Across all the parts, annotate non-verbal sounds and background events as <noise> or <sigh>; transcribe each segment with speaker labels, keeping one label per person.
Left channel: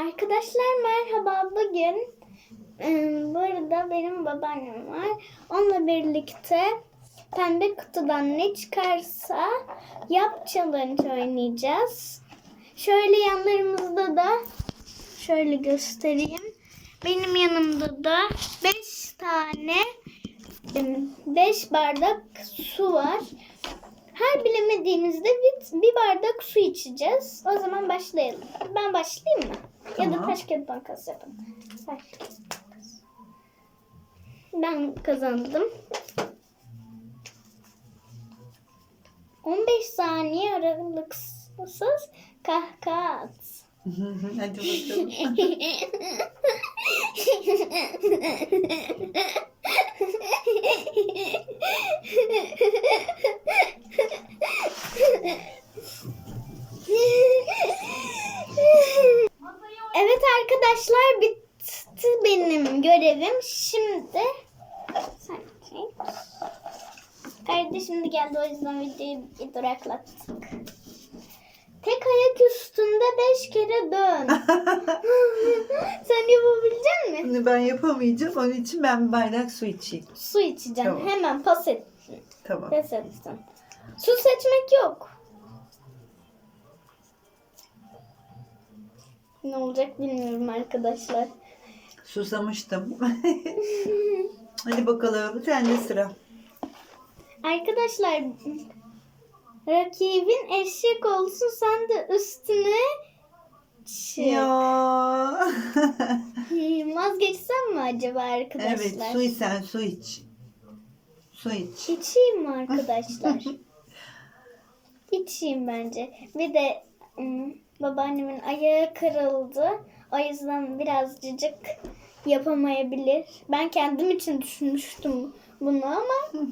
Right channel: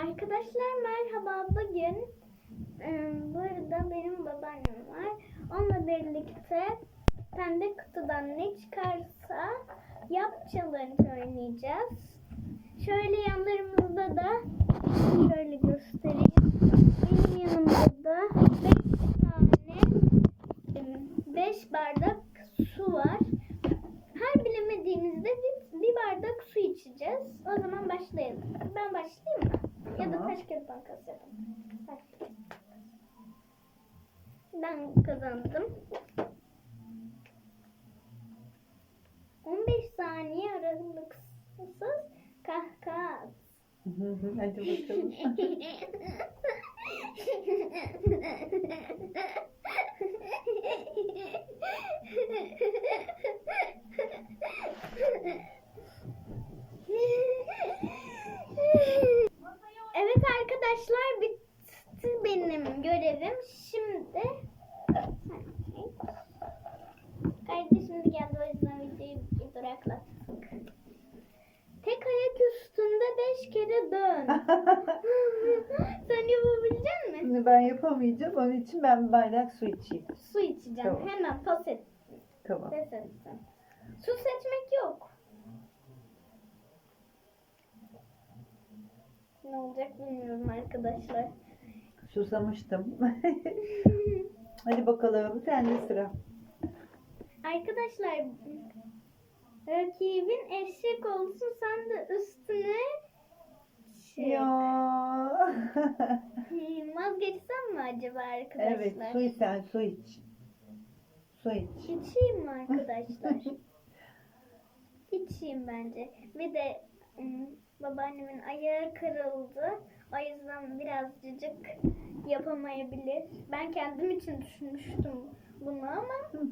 Speaker 1: Arkadaşlar merhaba. Bugün e, burada benim babaannem var. Onunla birlikte pembe kutudan ne çıkarsa yap challenge oynayacağız. Şöyle yanlarımızda da şöyle göstereyim. Benim yanımda da 5 tane 5 bardak su var. Her bilemediğimizde bir, bir bardak su içeceğiz. O zaman başlayalım. Ben başlayayım mı? Ya da
Speaker 2: Tamam.
Speaker 1: taş kağıt makas yapalım. Taş kağıt makas. Ben kazandım. 15 saniye aralıksız kahkaha at. <laughs>
Speaker 2: Hadi bakalım. <laughs>
Speaker 1: arkadaşlar bitti benim görevim. Şimdi. Kardeşim de geldi o yüzden videoyu bir duraklattık. Tek ayak üstünde beş kere dön. <laughs> Sen yapabilecek misin?
Speaker 2: Ben yapamayacağım. Onun için ben bardak su içeyim.
Speaker 1: Su içeceğim.
Speaker 2: Tamam.
Speaker 1: Hemen pas et.
Speaker 2: Tamam.
Speaker 1: Pes ettim. Su seçmek yok. Ne olacak bilmiyorum arkadaşlar.
Speaker 2: Susamıştım. <laughs> Hadi bakalım. Sende sıra.
Speaker 1: Arkadaşlar rakibin eşek olsun sen de üstüne çık.
Speaker 2: Ya.
Speaker 1: Hmm, <laughs> Vazgeçsem mi acaba arkadaşlar?
Speaker 2: evet su iç sen su iç. Su iç.
Speaker 1: İçeyim mi arkadaşlar? <laughs> İçeyim bence. Bir de ım, babaannemin ayağı kırıldı. O yüzden birazcık yapamayabilir. Ben kendim için düşünmüştüm bunu ama <laughs>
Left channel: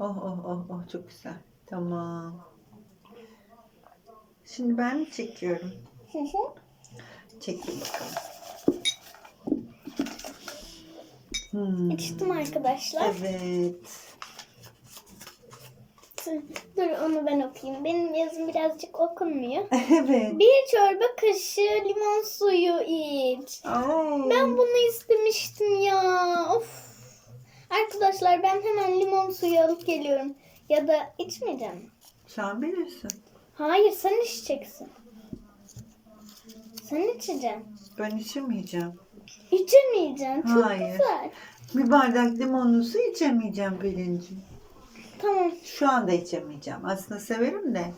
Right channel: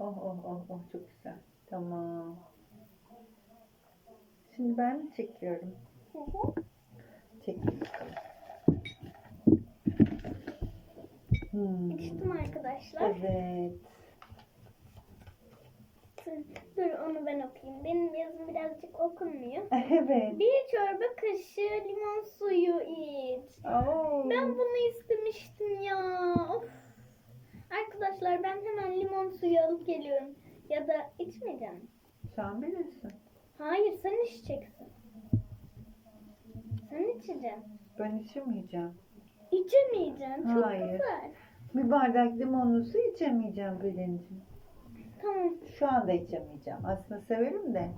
Speaker 2: Oh oh oh oh çok güzel. Tamam. Şimdi ben çekiyorum. Çektim bakalım. Hmm.
Speaker 1: içtim arkadaşlar.
Speaker 2: Evet.
Speaker 1: Dur onu ben okuyayım. Benim yazım birazcık okunmuyor. <laughs>
Speaker 2: Evet.
Speaker 1: Bir çorba kaşığı limon suyu iç.
Speaker 2: Oo.
Speaker 1: Ben bunu istemiştim ya. Of. Arkadaşlar ben hemen limon suyu alıp geliyorum. Ya da içmeyeceğim.
Speaker 2: Sen bilirsin.
Speaker 1: Hayır sen içeceksin. Sen içeceksin.
Speaker 2: Ben içemeyeceğim.
Speaker 1: İçemeyeceksin. Çok
Speaker 2: Hayır.
Speaker 1: güzel.
Speaker 2: Bir bardak limonlu su içemeyeceğim Pelin'ciğim.
Speaker 1: Tamam.
Speaker 2: Şu anda içemeyeceğim. Aslında severim de.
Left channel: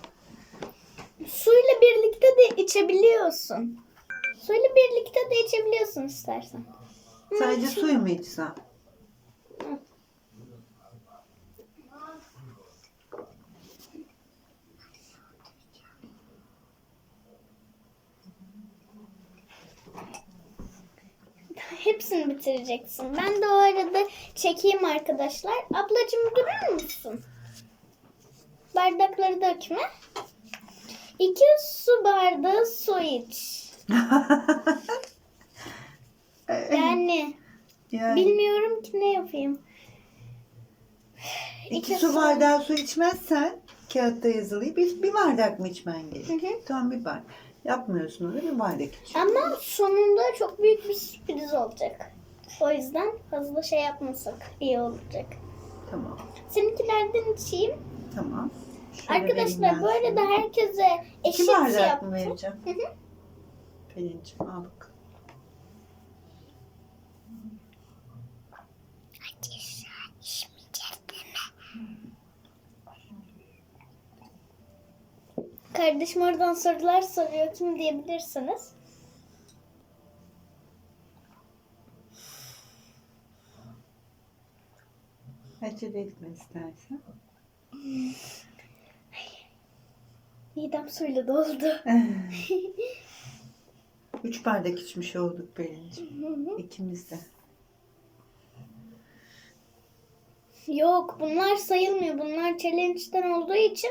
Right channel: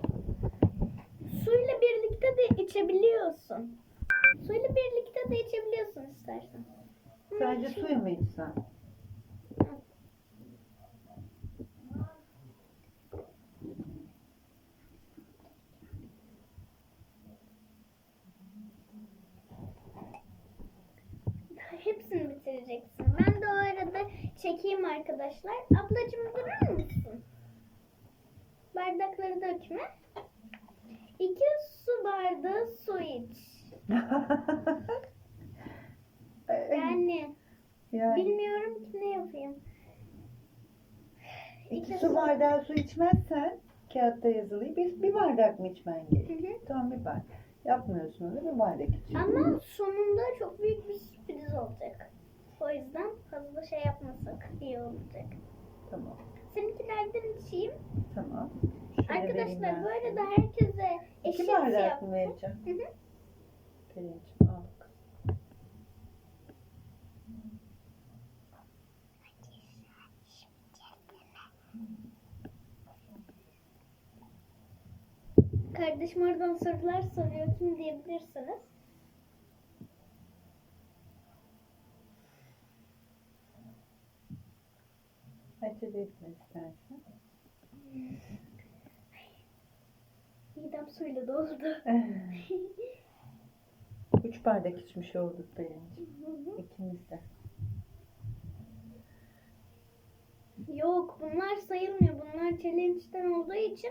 Speaker 1: Suyla birlikte de içebiliyorsun. Suyla birlikte de içebiliyorsun istersen.
Speaker 2: Sadece suyu mu içsem?
Speaker 1: Hepsini bitireceksin. Ben de o arada çekeyim arkadaşlar. Ablacığım durur musun? Bardakları dökme. İki su bardağı su iç. <laughs> Yani
Speaker 2: yani
Speaker 1: bilmiyorum ki ne yapayım.
Speaker 2: iki
Speaker 1: iki
Speaker 2: su bardağı su içmezsen kağıtta yazılı bir, bir bardak mı içmen gerekiyor? Tamam bir bardak. Yapmıyorsun onu bir bardak içiyorsun.
Speaker 1: Ama sonunda çok büyük bir sürpriz olacak. O yüzden fazla şey yapmasak iyi olacak.
Speaker 2: Tamam.
Speaker 1: Seninkilerden içeyim.
Speaker 2: Tamam. Şöyle
Speaker 1: Arkadaşlar bu arada herkese eşit
Speaker 2: İki bardak
Speaker 1: yaptım.
Speaker 2: mı vereceğim?
Speaker 1: Hı hı.
Speaker 2: Pelin'ciğim al bak.
Speaker 1: Kardeşim oradan sorular soruyor. Kim diyebilirsiniz?
Speaker 2: Acele etme istersen.
Speaker 1: Midem suyla doldu. <laughs>
Speaker 2: Üç bardak içmiş olduk Pelin'ciğim. İkimiz de.
Speaker 1: Yok bunlar sayılmıyor. Bunlar challenge'den olduğu için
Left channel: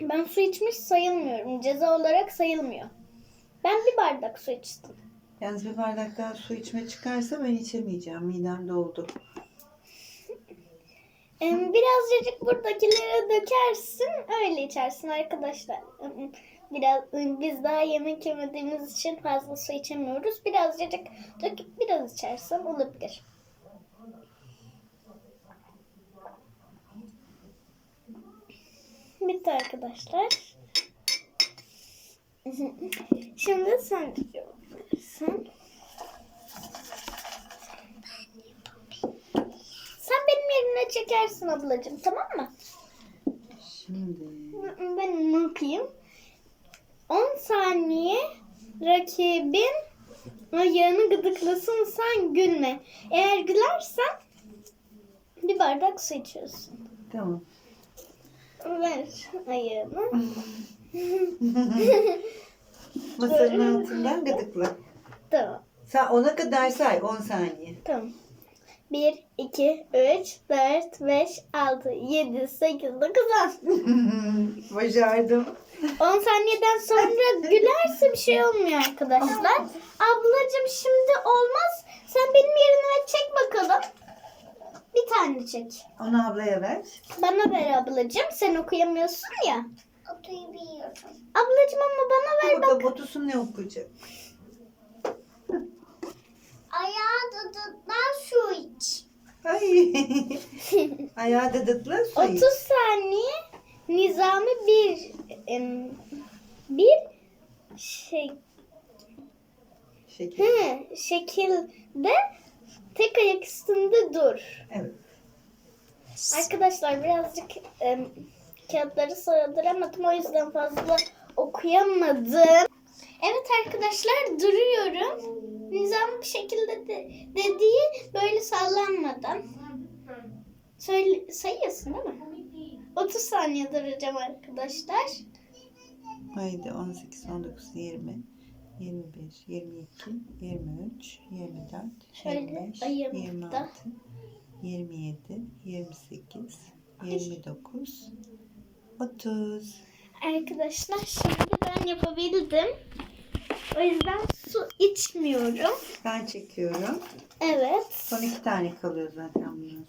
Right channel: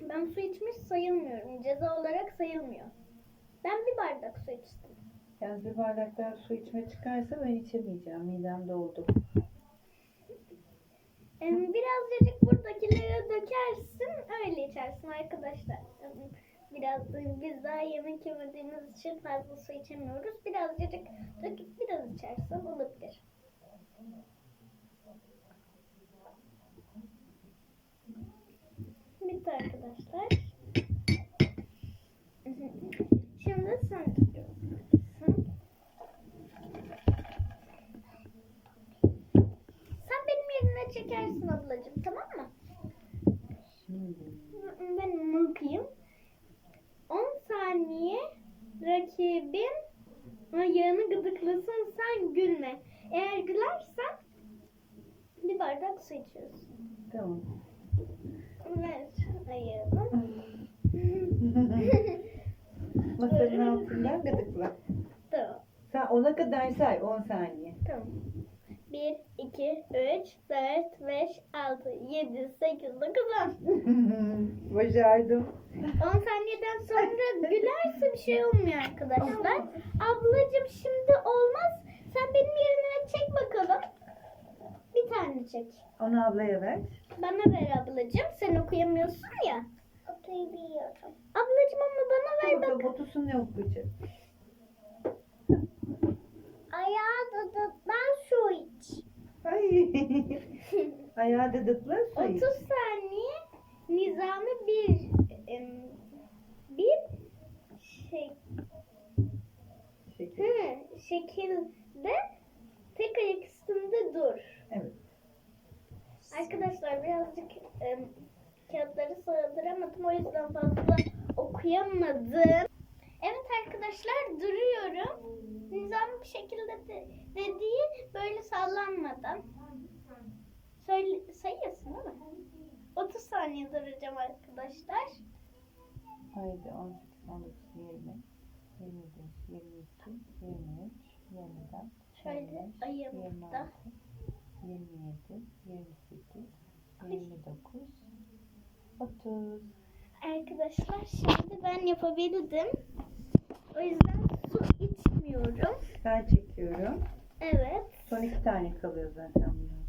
Speaker 1: ben su içmiş sayılmıyorum. Ceza olarak sayılmıyor. Ben bir bardak su içtim.
Speaker 2: Yalnız bir bardak daha su içme çıkarsa ben içemeyeceğim. Midem doldu.
Speaker 1: Birazcık buradakilere dökersin, öyle içersin arkadaşlar. Biraz biz daha yemek yemediğimiz için fazla su içemiyoruz. Birazcık döküp biraz içersen olabilir. Bitti arkadaşlar. Şimdi sen yapıyorsun. Sen benim çekersin ablacığım tamam mı?
Speaker 2: Şimdi.
Speaker 1: Ben onu okuyayım. 10 saniye rakibin ayağını gıdıklasın sen gülme. Eğer gülersen bir bardak su içiyorsun.
Speaker 2: Tamam.
Speaker 1: Ver ayağını. <laughs> <laughs>
Speaker 2: Masanın altından gıdıkla.
Speaker 1: tamam.
Speaker 2: Sen ona kadar say 10 saniye.
Speaker 1: Tamam. 1, 2, 3, 4, 5, 6, 7, 8, 9, 10.
Speaker 2: Başardım.
Speaker 1: 10 saniyeden sonra <laughs> gülerse bir şey olmuyor arkadaşlar. Ablacığım şimdi olmaz. Sen benim yerine çek bakalım. Bir tane çek.
Speaker 2: Onu ablaya ver.
Speaker 1: Bana ver ablacığım. Sen okuyamıyorsun ya.
Speaker 3: Okuyabiliyorum.
Speaker 1: Ablacığım ama bana ver bak.
Speaker 2: bakalım Batusun ne okuyacak?
Speaker 3: Dadıktan su iç.
Speaker 2: Ay. <laughs> Ayağı dıdıkla su
Speaker 1: 30
Speaker 2: iç.
Speaker 1: saniye nizami bir bir şey
Speaker 2: Şeker.
Speaker 1: hı, şekilde tek ayak üstünde dur.
Speaker 2: Evet.
Speaker 1: Arkadaşlar birazcık em, kağıtları sığdıramadım o yüzden fazla okuyamadım. Evet arkadaşlar duruyorum. Nizam bir şekilde de, dediği böyle sallanmadan. Söyle, sayıyorsun değil mi? 30 saniye duracağım arkadaşlar.
Speaker 2: Haydi 18, 19, 20, 21, 22, 23, 24,
Speaker 1: Şöyle
Speaker 2: 25,
Speaker 1: ayağımı
Speaker 2: 26,
Speaker 1: da.
Speaker 2: 27, 28, 29, 30.
Speaker 1: Arkadaşlar şimdi ben yapabildim. O yüzden su içmiyorum.
Speaker 2: Ben çekiyorum.
Speaker 1: Evet.
Speaker 2: Son iki tane kalıyor zaten bunun.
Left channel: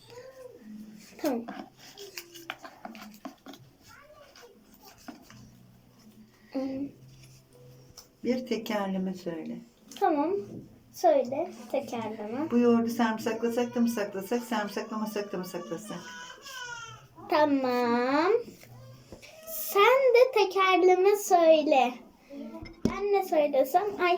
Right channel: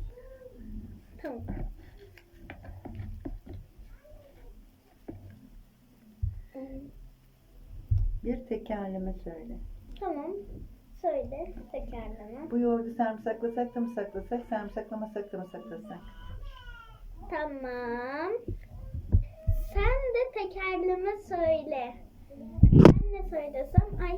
Speaker 1: Tamam.
Speaker 2: Bir tekerleme söyle.
Speaker 1: Tamam. Söyle tekerleme.
Speaker 2: Bu yoğurdu sarımsaklasak da mı saklasak, sarımsaklamasak da mı saklasak?
Speaker 1: Tamam. Sen de tekerleme söyle. Ben ne söylesem? Ay.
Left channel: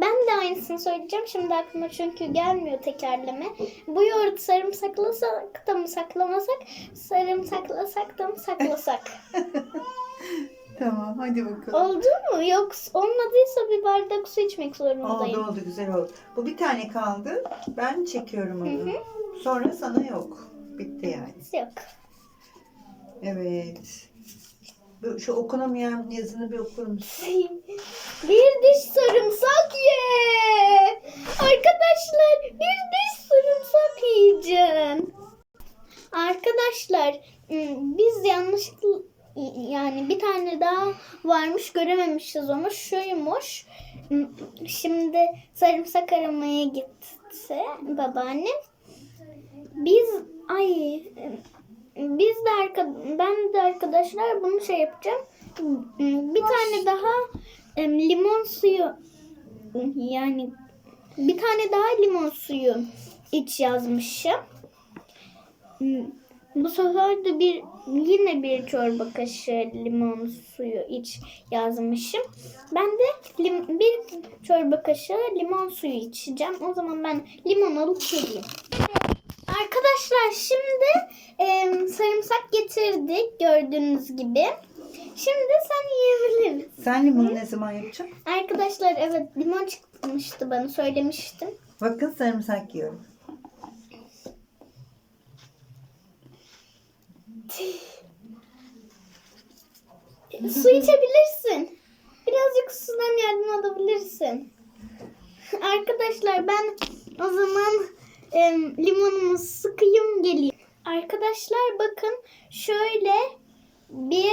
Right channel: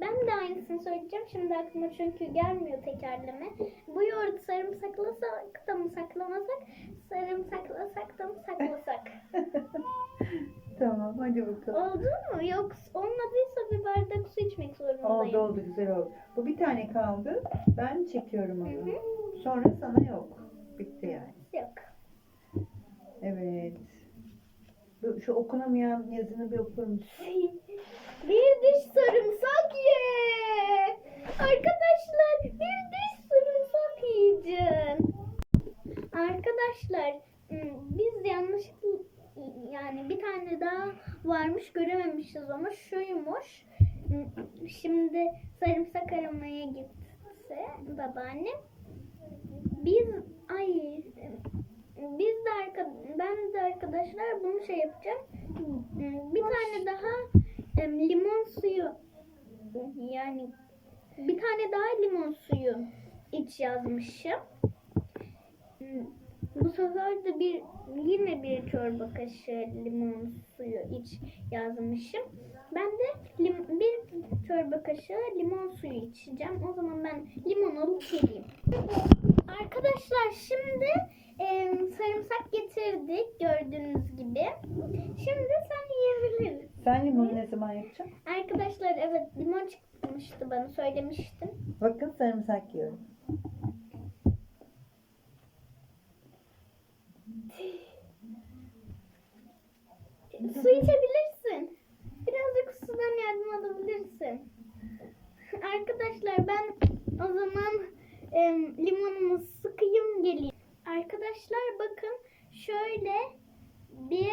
Speaker 1: Ben de aynısını söyleyeceğim. Şimdi aklıma çünkü gelmiyor tekerleme. Bu yoğurdu sarımsaklasak da mı saklamasak? Sarımsaklasak da mı saklasak? <laughs>
Speaker 2: Tamam hadi bakalım.
Speaker 1: Oldu mu? Yok olmadıysa bir bardak su içmek zorundayım.
Speaker 2: Oldu oldu güzel oldu. Bu bir tane kaldı. Ben çekiyorum onu.
Speaker 1: Hı
Speaker 2: Sonra sana yok. Bitti yani.
Speaker 1: Yok.
Speaker 2: Evet. Şu okunamayan yazını bir okur musun?
Speaker 1: Bir diş sarımsak ye. Arkadaşlar bir diş sarımsak yiyeceğim. Arkadaşlar biz yanlışlıkla yani bir tane daha varmış görememişiz onu. Şuymuş. Im, Şimdi sarımsak aramaya gitti babaannem. Biz ay biz de arka, ben de arkadaşlar bunu şey yapacağım. Bir tane daha limon suyu yani bir tane daha limon suyu iç yazmışım. Bu sefer de bir yine bir çorba kaşığı limon suyu iç yazmışım. Ben de lim, bir çorba kaşığı limon suyu içeceğim. O zaman ben limon alıp geleyim. Arkadaşlar şimdi em, sarımsak getirdik gördüğünüz gibi. Şimdi sen yiyebiliriz.
Speaker 2: Sen limonu ne zaman yapacaksın?
Speaker 1: Arkadaşlar evet limon çıkmıştı bana söylemiştim.
Speaker 2: Bakın sarımsak yiyorum.
Speaker 1: Su içebilirsin. Birazcık sudan yardım alabilirsin. Arkadaşlar ben o zaman em, limonumu sıkayım geleyim. Arkadaşlar bakın şöyle bir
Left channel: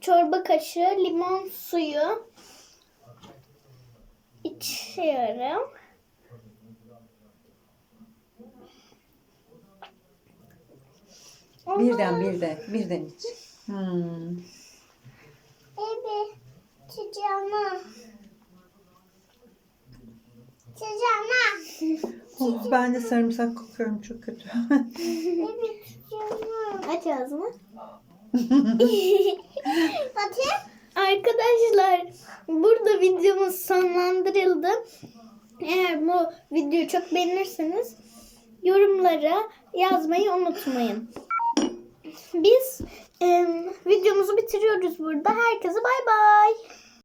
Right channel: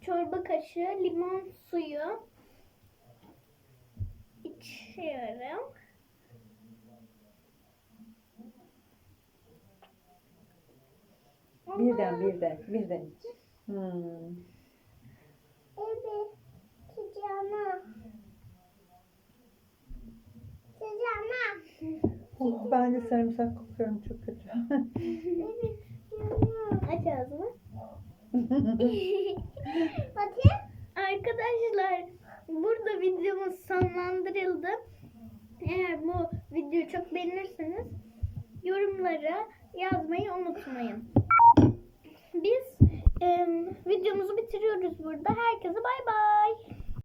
Speaker 1: çorba kaşığı limon suyu içiyorum.
Speaker 2: Birden birden birden iç. Hmm.
Speaker 3: Evet. Sıcağına. Sıcağına.
Speaker 2: Oh, ben de sarımsak kokuyorum çok kötü.
Speaker 3: Evet.
Speaker 1: Aç ağzını. <laughs>
Speaker 3: Bakayım.
Speaker 1: Arkadaşlar burada videomuz sonlandırıldı. Eğer bu videoyu çok beğenirseniz yorumlara yazmayı unutmayın. Biz em, videomuzu bitiriyoruz burada. Herkese bay bay.